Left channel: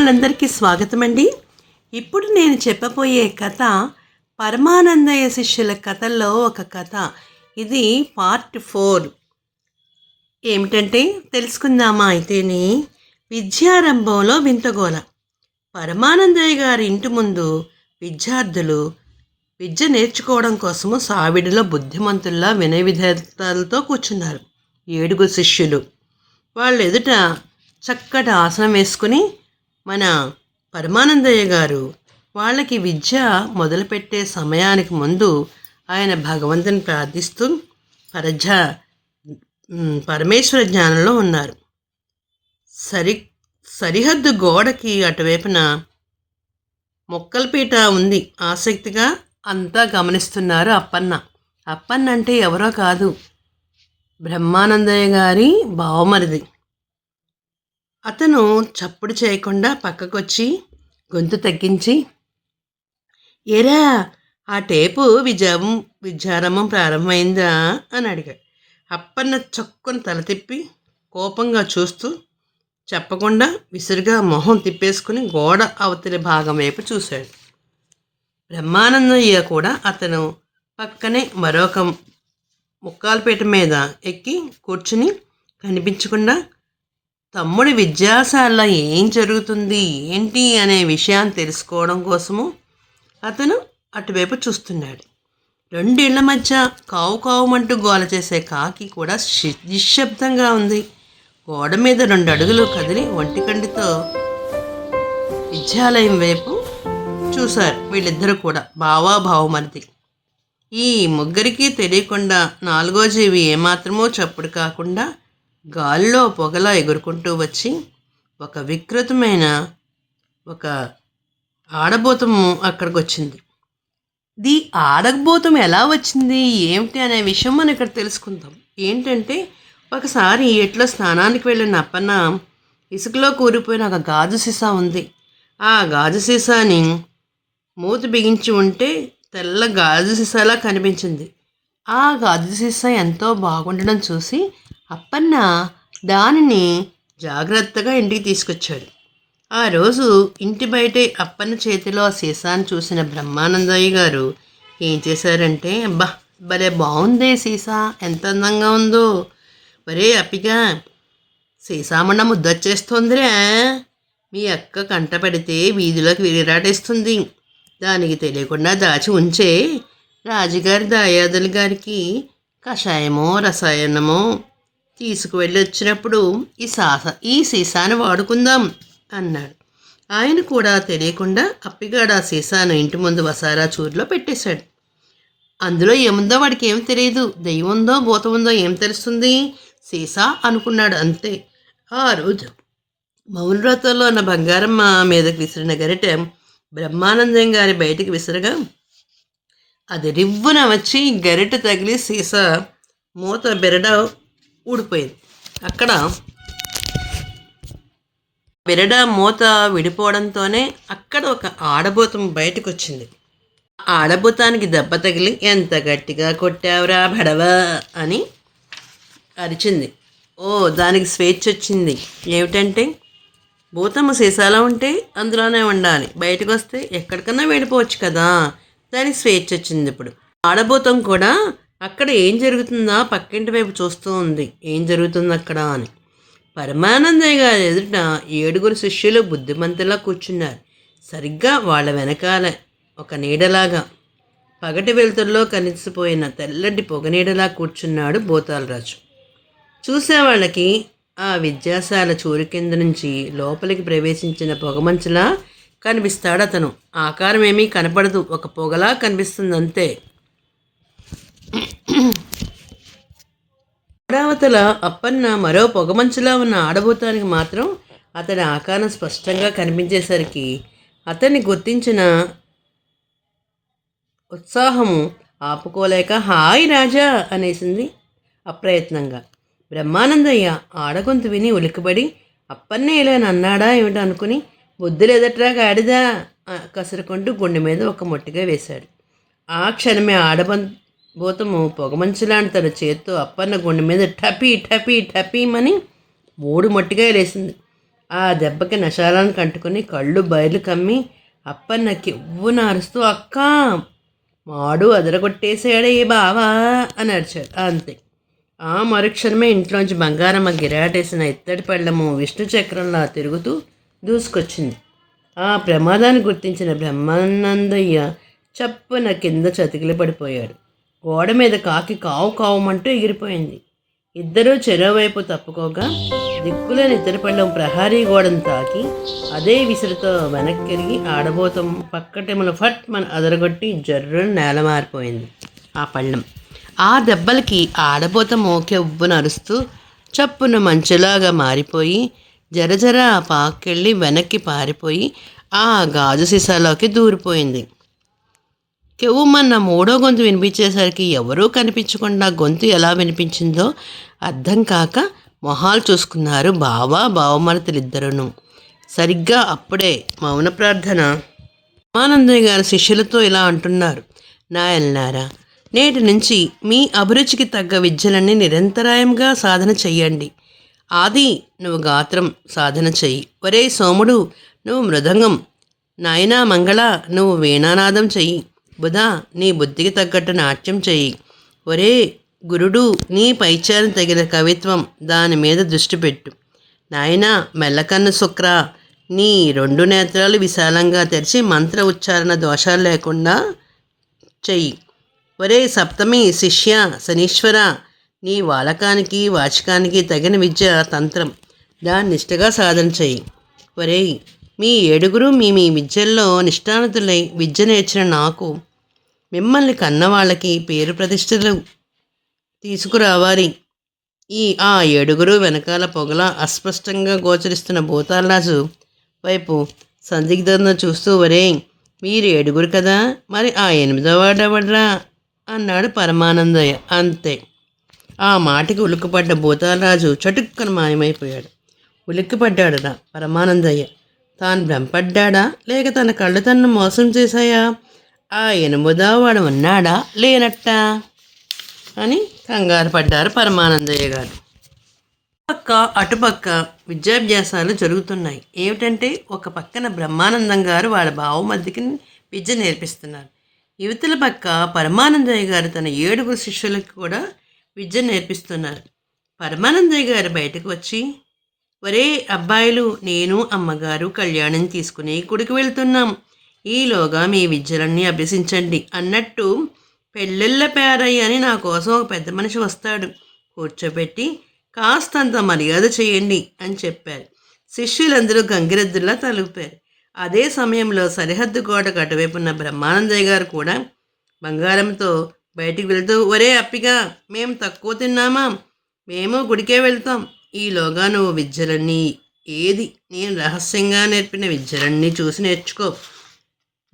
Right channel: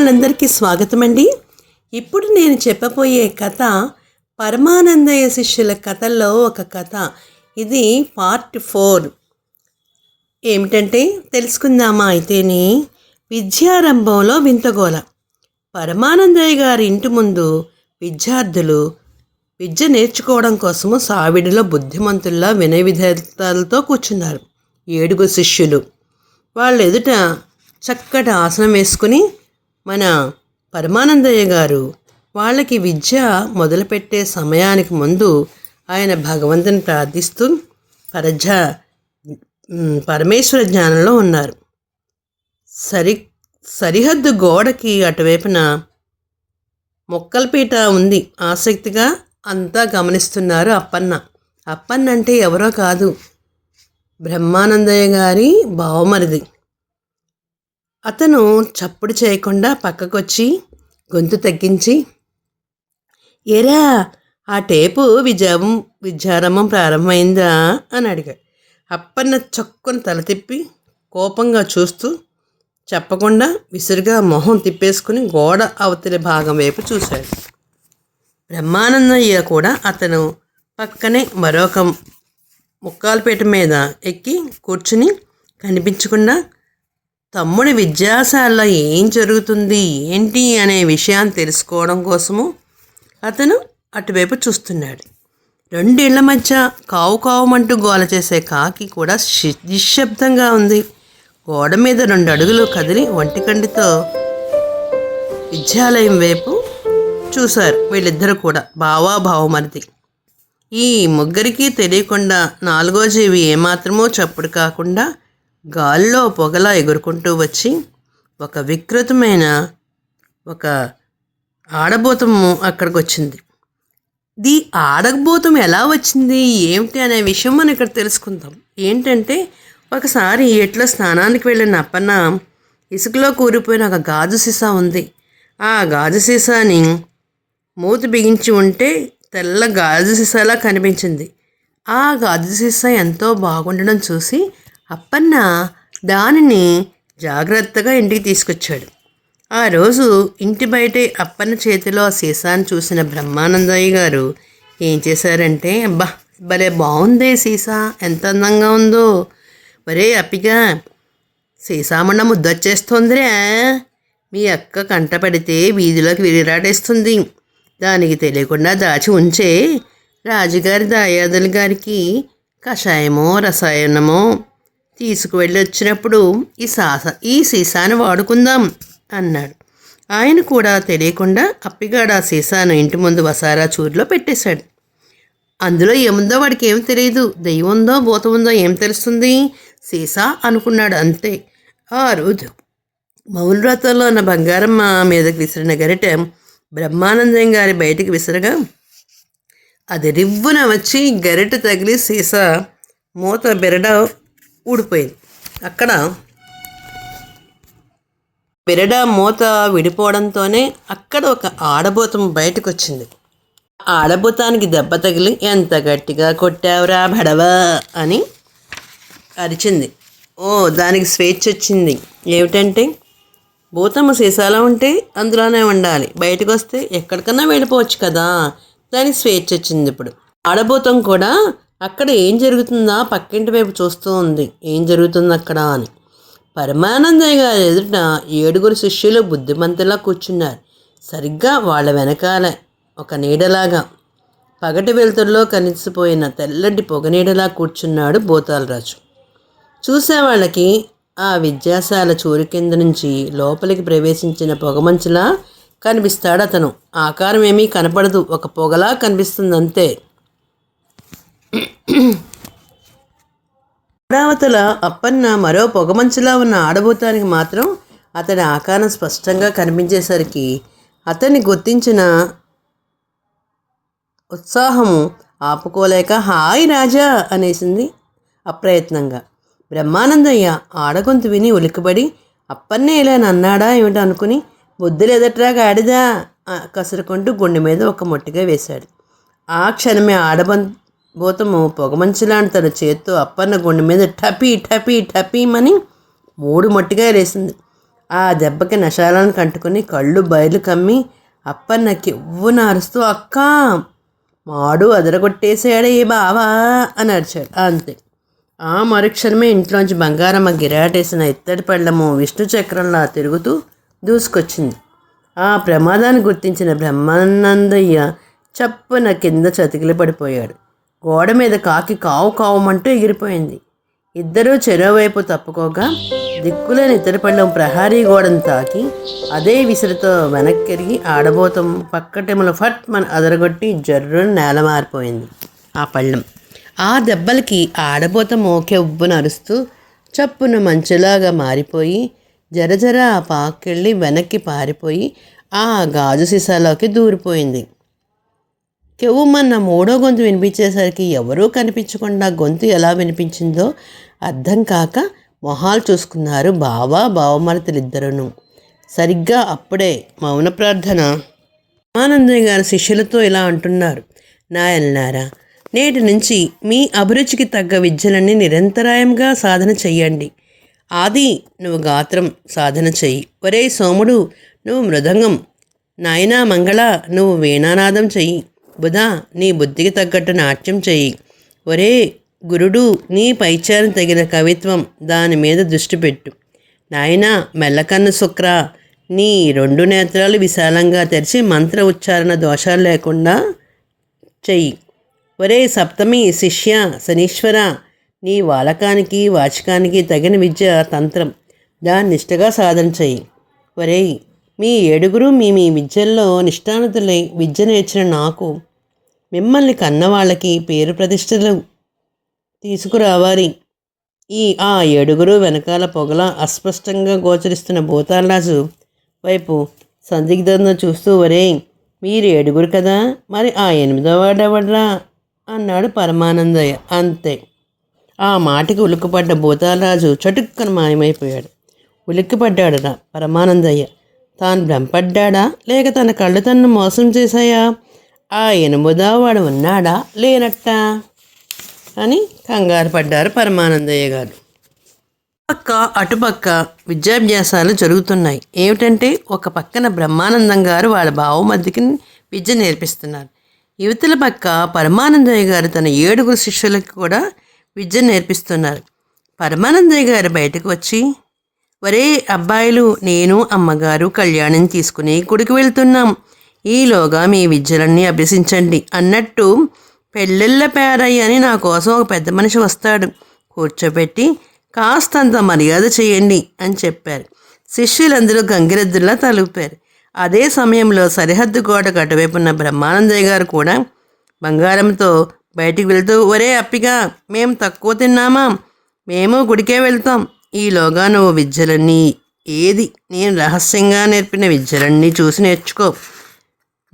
అభిమానులందరికీ స్వాగతం అండి ఇప్పుడు నేను చెప్పబోయే కథ పరమానందయ్య శిష్యుల కథల్లో ఒక కథ. ఇది పార్ట్ ఫోర్. ఏమిటంటే తెలుసుకుందామా అయితేనే. విద్యారంభంలో వింతగోల పరమానందయ్య గారి ఇంటి ముందు విద్యార్థులు విద్య నేర్చుకోవడం కోసము సావిడిలో బుద్ధిమంతుల్లా వినయ విధాలతో కూర్చున్నారు. ఏడుగురు శిష్యులు. వాళ్ళ ఎదుట చక్కటి ఆసనం వేసుకుని మన పరమానందయ్య గారు వాళ్ళకి విద్య మొదలుపెట్టే సమయానికి ముందు ఆయన భగవంతుని ప్రార్థిస్తూ పరజ పరమేశ్వర జ్ఞానంలో ఉన్నారు. సరి సరిహద్దు గోడకి అటువైపున మొక్కలపీట ఉంది. ఆసక్తిగా అంతా గమనిస్తున్నారు అప్పన్న. అప్పన్న అంటే ఎవరో కాదు. బ్రహ్మానందయ్య గారి బావమరిది. అతను చప్పుడు చేయకుండా పక్కకొచ్చి గొంతు తగ్గించి ఏరా ఆ టేపు విజయం విద్యారంభం ప్రారంభమైందా? అని అడిగాడు. అప్పన్న చొక్కుని తల తిప్పి కోపంగా చూస్తూ చెప్పకుండా విసురుగా మొహం తిప్పేసుకుని గోడ అవతలి భాగం వైపు చూశాడు. బ్రహ్మానందయ్య కూడా అతను పక్కనే మరొక ముక్కాలపేట మీద ఎక్కి కూర్చుని కనిపించకుండా తమ్ముడి విద్యాశాలలో ఏం జరుగుతుంది ఏంటి అనే విషయాన్ని తెలుసుకోవడం కోసము అతను అటువైపు చూస్తున్నాడు. రెండేళ్ళ మధ్య కావు కావుమంటూ గోల చేసే కాకి కూడా నిశ్శబ్దంగా ఉంది. గోడ మీద రెండు అడుగులు కదిలి ఒంటికండితో విద్యాలయం వైపు చూశారు వీళ్ళిద్దరూ కూడా బావా భావమరిది ఈ ముగ్గురికి తెలియకుండా నాలుగో జీవి ఏమాత్రమో చప్పుడు కాకుండా గాల్లో పొగలా ఎగురుకుంటూ వచ్చి ఒక వికృతమైన ఒక ఆడబోతము అక్కడికి వచ్చింది ది ఆడబోతం ఎలా వచ్చింది? ఏమిటి అనే విషయం మనం ఇక్కడ తెలుసుకుందాం. ఏంటంటే ఒకసారి ఎట్లా స్నానానికి వెళ్ళిన అప్పన్న ఇసుకలో కూరిపోయిన ఒక గాజు సీసా ఉంది. ఆ గాజు సీసాని మూతి బిగించి ఉంటే తెల్ల గాజు సీసాలా కనిపించింది. ఆ గాజు సీసా ఎంతో బాగుండడం చూసి అప్పన్న దానిని జాగ్రత్తగా ఇంటికి తీసుకొచ్చాడు. ఆ రోజు ఇంటి బయటే అప్పన్న చేతిలో ఆ సీసాను చూసిన బ్రహ్మానందయ్య గారు ఏం చేశారంటే అబ్బా భలే బాగుందే సీసా ఎంత అందంగా ఉందో. ఒరే అప్పిగా సీసామన్న ముద్దొచ్చేస్తోందిరా. మీ అక్క కంట పడితే వీధిలోకి విరిరాటేస్తుంది దానికి తెలియకుండా దాచి ఉంచే రాజుగారి దాయాదులు గారికి కషాయమో రసాయనమో తీసుకువెళ్ళి వచ్చినప్పుడు ఈ సాస ఈ సీసాను వాడుకుందాం అన్నాడు. ఆయన కూడా తెలియకుండా అప్పిగాడు ఆ సీసాను ఇంటి ముందు వసారా చూరులో పెట్టేశాడు. అందులో ఏముందో వాడికి ఏం తెలియదు దెయ్యం ఉందో భూతం ఉందో ఏం తెలుస్తుంది? సీసా అనుకున్నాడు అంతే. ఆ రోజు మౌనవ్రతంలో ఉన్న బంగారమ్మ మీదకి విసిరిన గరిటె బ్రహ్మానందం గారి బయటికి విసిరగా అది రివ్వున వచ్చి గరిటె తగిలి సీసా మూత బెరడ ఊడిపోయింది. అక్కడ పెరడ మూత విడిపోవడంతోనే అక్కడ ఒక ఆడబోతం బయటకు వచ్చింది ఆడబోతానికి దెబ్బ తగిలి ఎంత గట్టిగా కొట్టావురా బడవా అని అరిచింది. ఓ దానికి స్వేచ్ఛ వచ్చింది ఏమిటంటే భూతమ్మ సీసాలో ఉంటే అందులోనే ఉండాలి. బయటకు వస్తే ఎక్కడికన్నా వెళ్ళిపోవచ్చు కదా. దానికి స్వేచ్ఛ వచ్చింది ఇప్పుడు. ఆడభూతం కూడా అక్కడ ఏం జరుగుతుందా? పక్కింటి వైపు చూస్తూ ఉంది. ఏం జరుగుతుంది అక్కడ అని. పరమానందయ్య గారి ఎదుట ఏడుగురు శిష్యులు బుద్ధిమంతులా కూర్చున్నారు. సరిగ్గా వాళ్ళ వెనకాల ఒక నీడలాగా. పగటి వెలుతురులో కనిసిపోయిన తెల్లటి పొగనీడలా కూర్చున్నాడు భూతాలరాజు చూసేవాళ్ళకి ఆ విద్యాశాల చూరు కింద నుంచి లోపలికి ప్రవేశించిన పొగమంచులా కనిపిస్తాడు అతను ఆకారం ఏమీ కనపడదు. ఒక పొగలా కనిపిస్తుంది అంతే అమరావతిల అప్పన్న మరో పొగమంచులా ఉన్న ఆడబోతానికి మాత్రం అతని ఆకారం స్పష్టంగా కనిపించేసరికి అతన్ని గుర్తించిన ఉత్సాహము ఆపుకోలేక హాయ్ రాజా అనేసింది అప్రయత్నంగా. బ్రహ్మానందయ్య ఆడగొంతు విని ఉలికిబడి అప్పన్నే ఇలా నన్నాడా ఏమిటో అనుకుని బుద్ధి లేదట్రా గాడిదా కసురుకుంటూ గుండె మీద ఒక మొట్టిగా వేశాడు. ఆ క్షణమే ఆడబం భూతము పొగమంచులాంటి తన చేత్తో అప్పన్న గుండె మీద టపీ టపీ టపీమని మూడు మట్టిగా వేసింది ఆ దెబ్బకి నశాలను కంటుకుని కళ్ళు బయలు కమ్మి అప్పన్నకి ఉవ్వున అరుస్తూ అక్క మాడు అదరగొట్టేసాడే బావా అని అరిచాడు. అంతే. ఆ మరుక్షణమే ఇంట్లోంచి బంగారమ్మ గిరాటేసిన ఇత్తడి పళ్ళము విష్ణు చక్రంలా తిరుగుతూ దూసుకొచ్చింది. ఆ ప్రమాదాన్ని గుర్తించిన బ్రహ్మానందయ్య చప్పున కింద చతికిలి పడిపోయాడు గోడ మీద కాకి కావు కావమంటూ ఎగిరిపోయింది. ఇద్దరూ చెరోవైపు తప్పుకోగా దిక్కులేని ఇతర పళ్ళం ప్రహారీ గోడను తాకి అదే విసురుతో వెనక్కిరిగి ఆడబోతం పక్కటెముల ఫట్ మన అదరగొట్టి జర్రును నేల మారిపోయింది ఆ పళ్ళం. ఆ దెబ్బలకి ఆడబోతం మోకె అరుస్తూ చప్పున మంచులాగా మారిపోయి జరజర ఆ పాకెళ్ళి వెనక్కి పారిపోయి ఆ గాజు సీసాలోకి దూరిపోయింది. కెవ్వుమన్న మూడో గొంతు వినిపించేసరికి ఎవరూ కనిపించకుండా గొంతు ఎలా వినిపించిందో అర్థం కాక మొహాలు చూసుకున్నారు బావా బావమరతలిద్దరును సరిగ్గా అప్పుడే మౌన ప్రార్థన. రామానందయ్య గారి శిష్యులతో ఇలా అంటున్నారు నాయల్నారా నేటి నుంచి మీ అభిరుచికి తగ్గ విద్యలన్నీ నిరంతరాయంగా సాధన చెయ్యండి. ఆది నువ్వు గాత్రం సాధన చెయ్యి. ఒరే సోముడు నువ్వు మృదంగం. నాయనా మంగళ నువ్వు వీణానాదం చెయ్యి. బుధ నీ బుద్ధికి తగ్గట్టు నాట్యం చెయ్యి. ఒరే గురుడు నీ పైచారం తగిన కవిత్వం దాని మీద దృష్టి పెట్టు. నాయనా మెల్లకన్ను శుక్ర నీ రెండు నేత్రాలు విశాలంగా తెరిచి మంత్ర ఉచ్చారణ దోషాలు లేకుండా చెయ్యి. ఒరే సప్తమి శిష్య శనీశ్వర నీ వాలకానికి వాచకానికి తగిన విద్య తంత్రం దాన్ని నిష్ఠగా సాధన చెయ్యి. ఒరే మీ ఏడుగురు మీ మీ విద్యల్లో నిష్ఠానతులై విద్య నేర్చిన నాకు మిమ్మల్ని కన్నవాళ్ళకి పేరు ప్రతిష్టలు తీసుకురావాలి. ఈ ఆ ఏడుగురు వెనకాల పొగల అస్పష్టంగా గోచరిస్తున్న భూతాలరాజు వైపు సందిగ్ధంగా చూస్తూ వరే మీరు ఏడుగురు కదా? మరి ఆ ఎనిమిదో వాడెవడ్రా అన్నాడు పరమానందయ్య. అంతే. ఆ మాటకి ఉలిక్కిపడ్డ భూతాలరాజు చటుక్కన మాయమైపోయాడు. ఉలిక్కిపడ్డాడురా పరమానందయ్య. తాను భ్రమపడ్డాడా? లేక తన కళ్ళు తన్ను మోసం చేశాయా? ఆ ఎనిమిదో వాడు ఉన్నాడా? లేనట్టా? అని కంగారు పడ్డారు పరమానందయ్య గారు. పక్క అటుపక్క విద్యాభ్యాసాలు జరుగుతున్నాయి. ఏమిటంటే ఒక పక్కన బ్రహ్మానందం గారు వాళ్ళ బావమద్దికి విద్య నేర్పిస్తున్నారు. యువతల పక్క పరమానందయ్య గారు తన ఏడుగురు శిష్యులకు కూడా విద్య నేర్పిస్తున్నారు. పరమానందయ్య గారు బయటకు వచ్చి ఒరే అబ్బాయిలు నేను అమ్మగారు కళ్యాణం తీసుకుని గుడికి వెళ్తున్నాం. ఈలోగా మీ విద్యలన్నీ అభ్యసించండి. అన్నట్టు పెళ్ళిళ్ళ పేరయ్య అని నా కోసం ఒక పెద్ద మనిషి వస్తాడు. కూర్చోబెట్టి కాస్తంత మర్యాద చేయండి అని చెప్పారు. శిష్యులందరూ గంగిరెద్దుల్లా తలుపారు. అదే సమయంలో సరిహద్దు గోడకు అటువైపున్న బ్రహ్మానందయ్య గారు కూడా బంగారంతో బయటికి వెళ్తూ ఒరే అప్పిగా మేము తక్కువ తిన్నామా? మేము గుడికే వెళ్తాం. ఈలోగా నువ్వు విద్యలన్నీ ఏది? నేను రహస్యంగా నేర్పిన విద్యలన్నీ చూసి నేర్చుకో.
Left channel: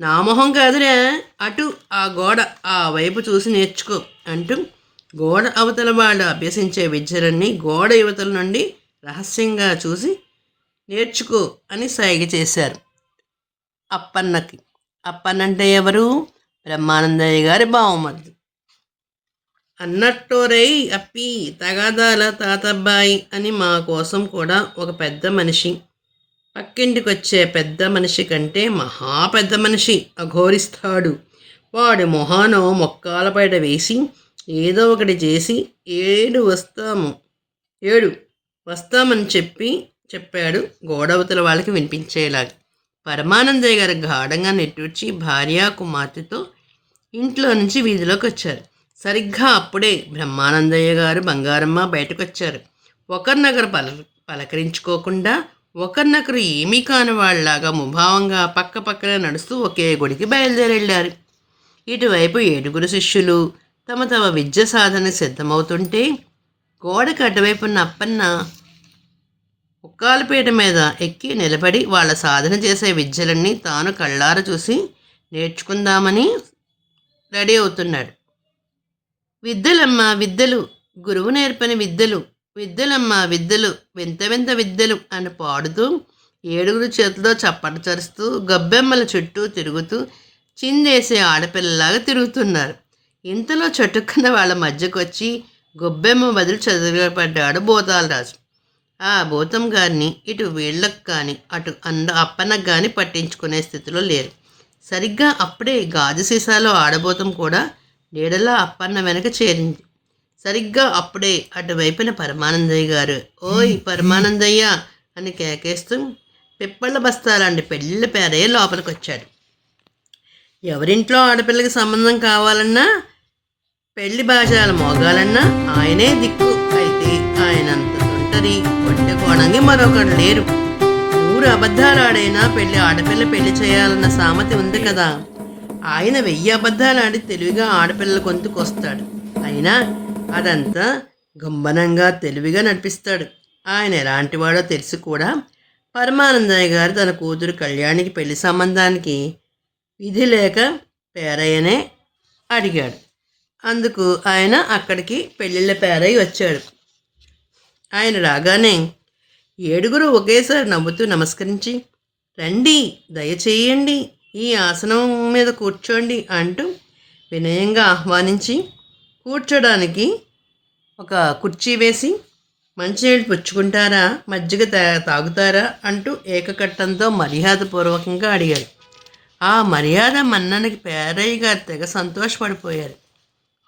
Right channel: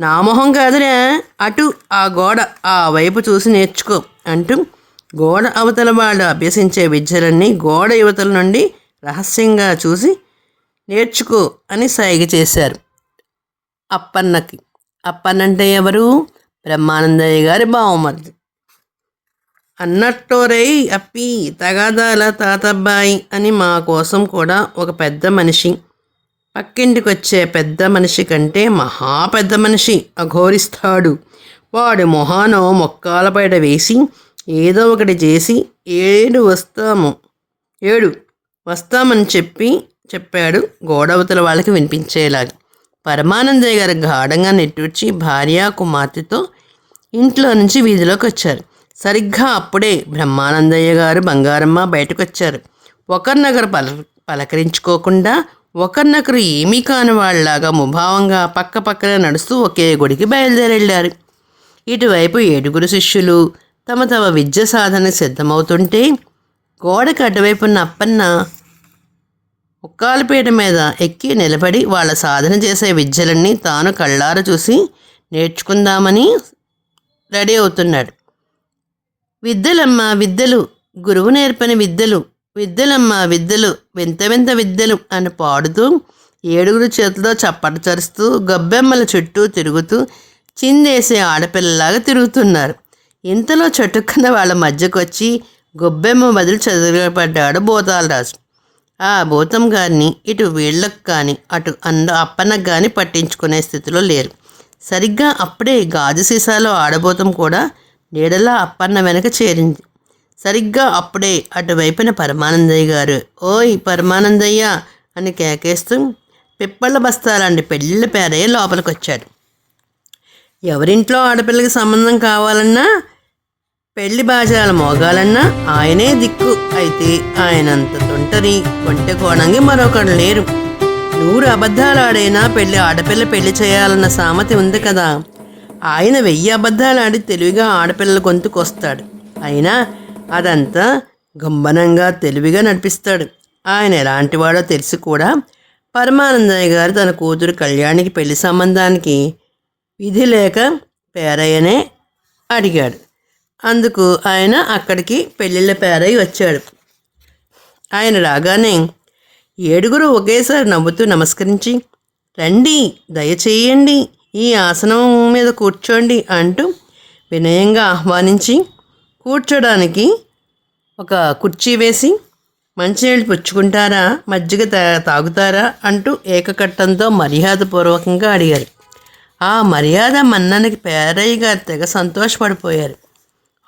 నా మొహం కాదురా. అటు ఆ గోడ ఆ వైపు చూసి నేర్చుకో అంటూ గోడ అవతల వాళ్ళు అభ్యసించే విద్యలన్నీ గోడ యువతల నుండి రహస్యంగా చూసి నేర్చుకో అని సైగ చేశారు. అప్పన్నకి. అప్పన్నంటే ఎవరు? బ్రహ్మానందయ్య గారి బావమరిది. అన్నట్టోరై అప్పి తగాదాల తాతబ్బాయి అని మా కోసం కూడా ఒక పెద్ద మనిషి. పక్కింటికి వచ్చే పెద్ద మనిషి కంటే మహా పెద్ద మనిషి అఘోరిస్తాడు. వాడి మొహానో మొక్కాల బయట వేసి ఏదో ఒకటి చేసి ఏడు వస్తాము. ఏడు వస్తామని చెప్పి చెప్పాడు గోడవతల వాళ్ళకి వినిపించేలాగా. పరమానందయ్య గారు గాఢంగా నెట్టూర్చి భార్య కుమార్తెతో ఇంట్లో నుంచి వీధిలోకి వచ్చారు సరిగ్గా అప్పుడే బ్రహ్మానందయ్య గారు బంగారమ్మ బయటకు వచ్చారు ఒకరినొకరు పల పలకరించుకోకుండా ఒకరినొకరు ఏమీ కాని వాళ్ళలాగా ముభావంగా పక్క పక్కన నడుస్తూ ఒకే గుడికి బయలుదేరెళ్ళారు. ఇటువైపు ఏడుగురు శిష్యులు తమ తమ విద్య సాధన సిద్ధమవుతుంటే గోడకు అటువైపున్న అప్పన్న ఉక్కాలపీట మీద ఎక్కి నిలబడి వాళ్ళ సాధన చేసే విద్యలన్నీ తాను కళ్ళార చూసి నేర్చుకుందామని రెడీ అవుతున్నాడు. విద్యలమ్మ విద్యలు. గురువు నేర్పని విద్యలు. విద్యలమ్మ విద్యలు. వింత వింత విద్యలు అని పాడుతూ ఏడుగురు చేతిలో చప్పట చరుస్తూ గబ్బెమ్మల చుట్టూ తిరుగుతూ చిందేసే ఆడపిల్లలాగా తిరుగుతున్నారు. ఇంతలో చటుక్కున వాళ్ళ మధ్యకు వచ్చి గొబ్బెమ్మ బదులు చదివపడ్డాడు బోతాలరాజు. ఆ భూతం గారిని ఇటు వీళ్ళకు కానీ అటు అంద అప్పన్నకు కానీ పట్టించుకునే స్థితిలో లేరు. సరిగ్గా అప్పుడే గాజు సీసాలో ఆడబోతం కూడా నీడలా అప్పన్న వెనక చేరింది. సరిగ్గా అప్పుడే అటువైపున పరమానందయ్య గారు ఓయ్ పరమానందయ్య అని కేకేస్తూ పిప్పళ్ళ బస్తాలాంటి పెళ్ళిళ్ళ పేరే లోపలికి వచ్చాడు ఎవరింట్లో ఆడపిల్లకి సంబంధం కావాలన్నా పెళ్ళి బాజాలు మోగాలన్నా ఆయనే దిక్కు. అయితే ఆయనంత తొంటరి కొట్టె కోణంగి మరొకడు లేరు. నూరు అబద్ధాలు ఆడైనా పెళ్ళి ఆడపిల్ల పెళ్ళి చేయాలన్న సామెత ఉంది కదా. ఆయన వెయ్యి అబద్ధాలు ఆడి తెలివిగా ఆడపిల్లల గొంతుకొస్తాడు. అయినా అదంతా గంభనంగా తెలివిగా నడిపిస్తాడు. ఆయన ఎలాంటివాడో తెలిసి కూడా పరమానందయ్య గారు తన కూతురు కళ్యాణికి పెళ్ళి సంబంధానికి విధి లేక పేరయ్యనే అడిగాడు. అందుకు ఆయన అక్కడికి పెళ్ళిళ్ళ పేరయ్య వచ్చాడు. ఆయన రాగానే ఏడుగురు ఒకేసారి నవ్వుతూ నమస్కరించి రండి దయచేయండి ఈ ఆసనం మీద కూర్చోండి అంటూ వినయంగా ఆహ్వానించి కూర్చోడానికి ఒక కుర్చీ వేసి మంచినీళ్ళు పుచ్చుకుంటారా? మజ్జిగ తా- తాగుతారా? అంటూ ఏకకట్టంతో మర్యాదపూర్వకంగా అడిగారు. ఆ మర్యాద మన్ననికి పేరయ్య గారు తెగ సంతోషపడిపోయారు.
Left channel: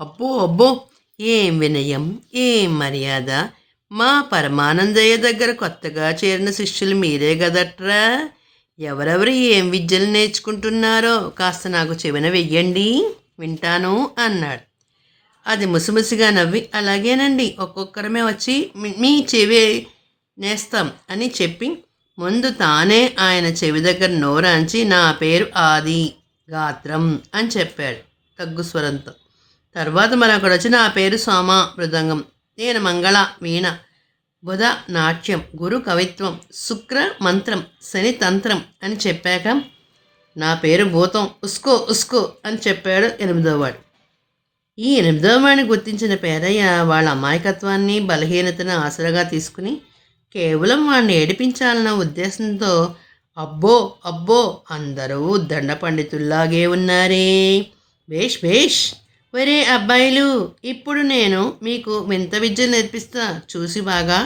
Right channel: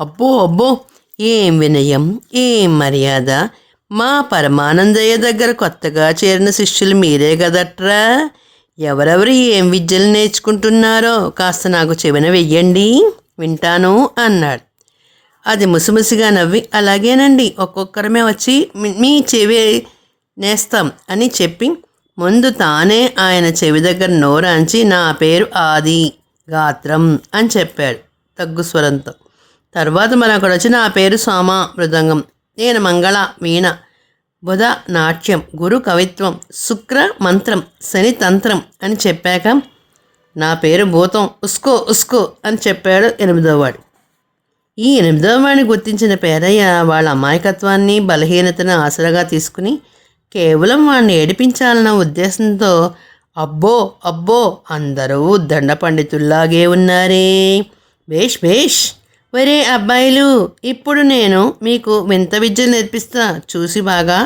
అబ్బో అబ్బో ఏం వినయం ఏం మర్యాద? మా పరమానందయ్య దగ్గర కొత్తగా చేరిన శిష్యులు మీరే కదట్రా? ఎవరెవరు ఏం విద్యలు నేర్చుకుంటున్నారో కాస్త నాకు చెవిన వెయ్యండి. వింటాను అన్నాడు. అది ముసిముసిగా నవ్వి అలాగేనండి ఒక్కొక్కరమే వచ్చి మీ- చెవి నేస్తాం అని చెప్పి ముందు తానే ఆయన చెవి దగ్గర నోరాంచి నా పేరు ఆది గాత్రం అని చెప్పాడు తగ్గు స్వరంతో. తర్వాత మరొకడు వచ్చి నా పేరు సోమ మృదంగం నేను మంగళ వీణ బుధ నాట్యం గురు కవిత్వం శుక్ర మంత్రం శని తంత్రం అని చెప్పాక నా పేరు భూతం ఉస్కో ఉస్కో అని చెప్పాడు ఎనిమిదోవాడు ఈ ఎనిమిదోవాడిని గుర్తించిన పేరయ్య వాళ్ళ అమాయకత్వాన్ని బలహీనతను ఆసరాగా తీసుకుని కేవలం వాడిని ఏడిపించాలన్న ఉద్దేశంతో అబ్బో అబ్బో అందరూ దండ పండితుల్లాగే ఉన్నారే. భేష్ భేష్ వరే అబ్బాయిలు ఇప్పుడు నేను మీకు వింత విద్య నేర్పిస్తా. చూసి బాగా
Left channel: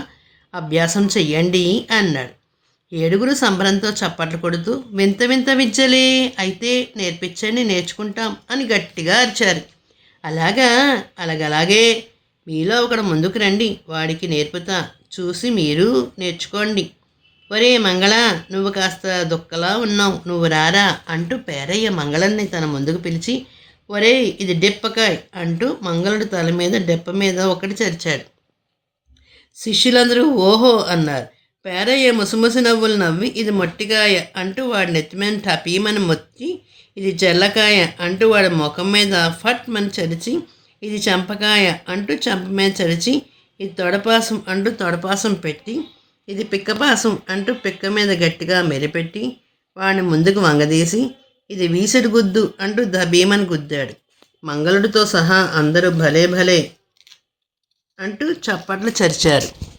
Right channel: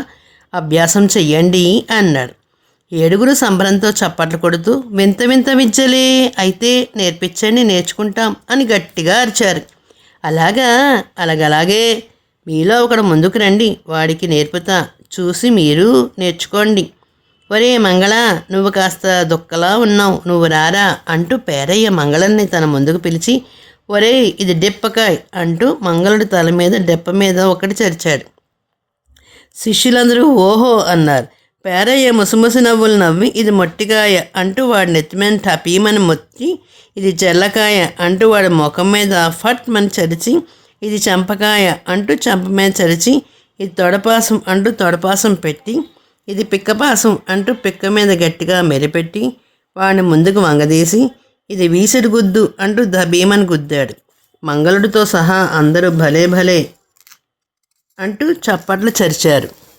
అభ్యాసం చెయ్యండి అన్నాడు ఏడుగురు సంబరంతో చప్పట్లు కొడుతూ వింత వింత విద్యలే అయితే నేర్పించండి నేర్చుకుంటాం అని గట్టిగా అరిచారు. అలాగా అలాగలాగే. మీలో ఒకడు ముందుకు రండి వాడికి నేర్పుతా. చూసి మీరు నేర్చుకోండి. ఒరే మంగళ నువ్వు కాస్త దుక్కలా ఉన్నావు నువ్వు రారా అంటూ పేరయ్య మంగళన్ని తన ముందుకు పిలిచి ఒరే ఇది డెప్పకాయ్ అంటూ మంగళుడి తల మీద డెప్ప మీద ఒకటి చరిచాడు. శిష్యులందరూ ఓహో అన్నారు. పేరయ్య ముసుముసు నవ్వులు నవ్వి ఇది మొట్టికాయ అంటూ వాడి నెత్తిమీద టపీమని మొత్తి ఇది చెల్లకాయ అంటూ వాడి ముఖం మీద ఫట్ మని చరిచి ఇది చంపకాయ అంటూ చంప మీద చరిచి ఇది తొడపాసం అంటూ తొడపాసం పెట్టి ఇది పిక్కపాసం అంటూ పిక్క మీద గట్టిగా మెరిపెట్టి వాడిని ముందుకు వంగదీసి ఇది వీసడి గుద్దు అంటూ ద గుద్దాడు. మంగళుడితో సహా అందరూ భలే భలే అంటూ చప్పట్లు చరిచారు.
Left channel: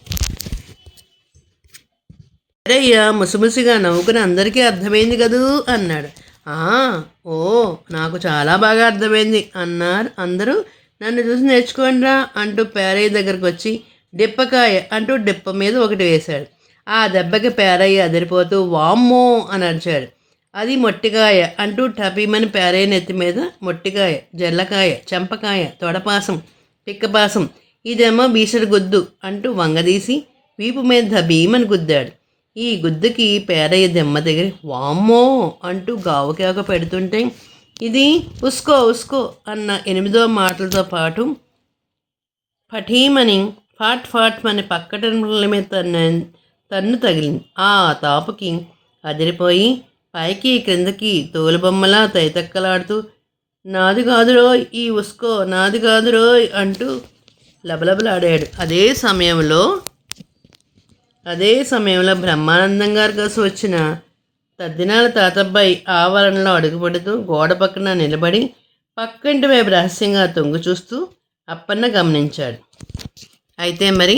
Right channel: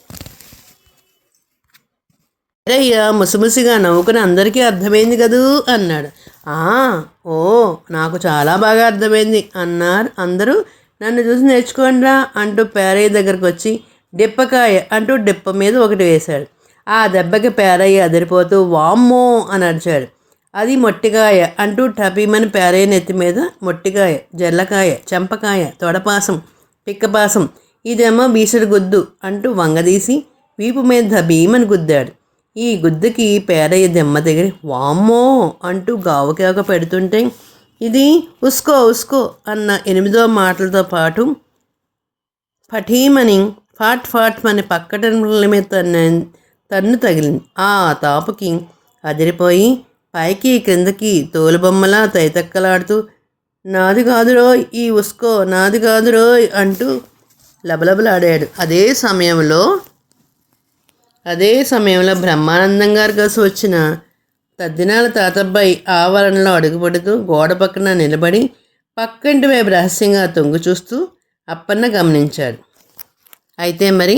అరయ్య ముసిముసిగా నవ్వుకుని అందరికీ అర్థమైంది కదూ అన్నాడు. "ఆ, ఓ నాకు చాలా బాగా అర్థమైంది అన్నారు అందరూ. నన్ను చూసి నేర్చుకోండిరా అంటూ పేరయ్య దగ్గరకు వచ్చి డిప్పకాయ అంటూ డిప్ప మీద ఒకటి వేశాడు. ఆ దెబ్బకి పేరయ్య అదిరిపోతూ వామ్మో అని అరిచాడు. అది మొట్టికాయ అంటూ టపీమని పేరయ్య నెత్తి మీద మొట్టికాయ జల్లకాయ చెంపకాయ తొడపాసం పిక్కపాసం ఇదేమో బీసడి గుద్దు అంటూ వంగదీసి వీపు మీద భీమని గుద్దాడు. ఈ గుద్దుకి పేరయ్య దెమ్మ దగ్గర వామ్మో అంటూ గావుకేక పెడుతుంటే ఇది ఉస్కో ఉస్కో అన్న ఎనిమిదో మాటలతో పాటు పఠీమని ఫాట్ ఫాట్ మన పక్కటల మీద తన్ను తన్ను తగిలింది. ఆ తాపుకి అదిరిపోయి పైకి క్రిందకి తోలుబొమ్మలా తైతక్కలాడుతూ నాది కాదురోయ్ ఈ ఉస్కో నాది కాదురోయ్ అంటూ లబలబలాడాడు. అదే సమయంలో అదే సమయంలో బ్రహ్మానందం గారు కలిసి వచ్చిన తద్దినాల తాతబ్బాయి ఆవరణలో అడుగుపడుతూ గోడ పక్కన నిలబడి పక్కింటి వైపు రహస్యంగా తొంగు చూస్తూ అప్పన్న గమనించాడు. అయితే మరి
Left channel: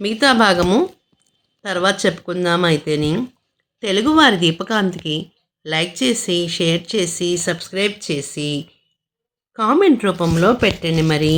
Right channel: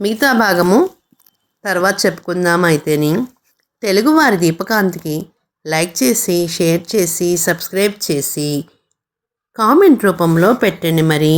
మిగతా భాగము తర్వాత చెప్పుకుందాం అయితేని తెలుగువారి దీపకాంతికి లైక్ చేసి షేర్ చేసి సబ్స్క్రైబ్ చేసి కామెంట్ రూపంలో పెట్టండి మరి.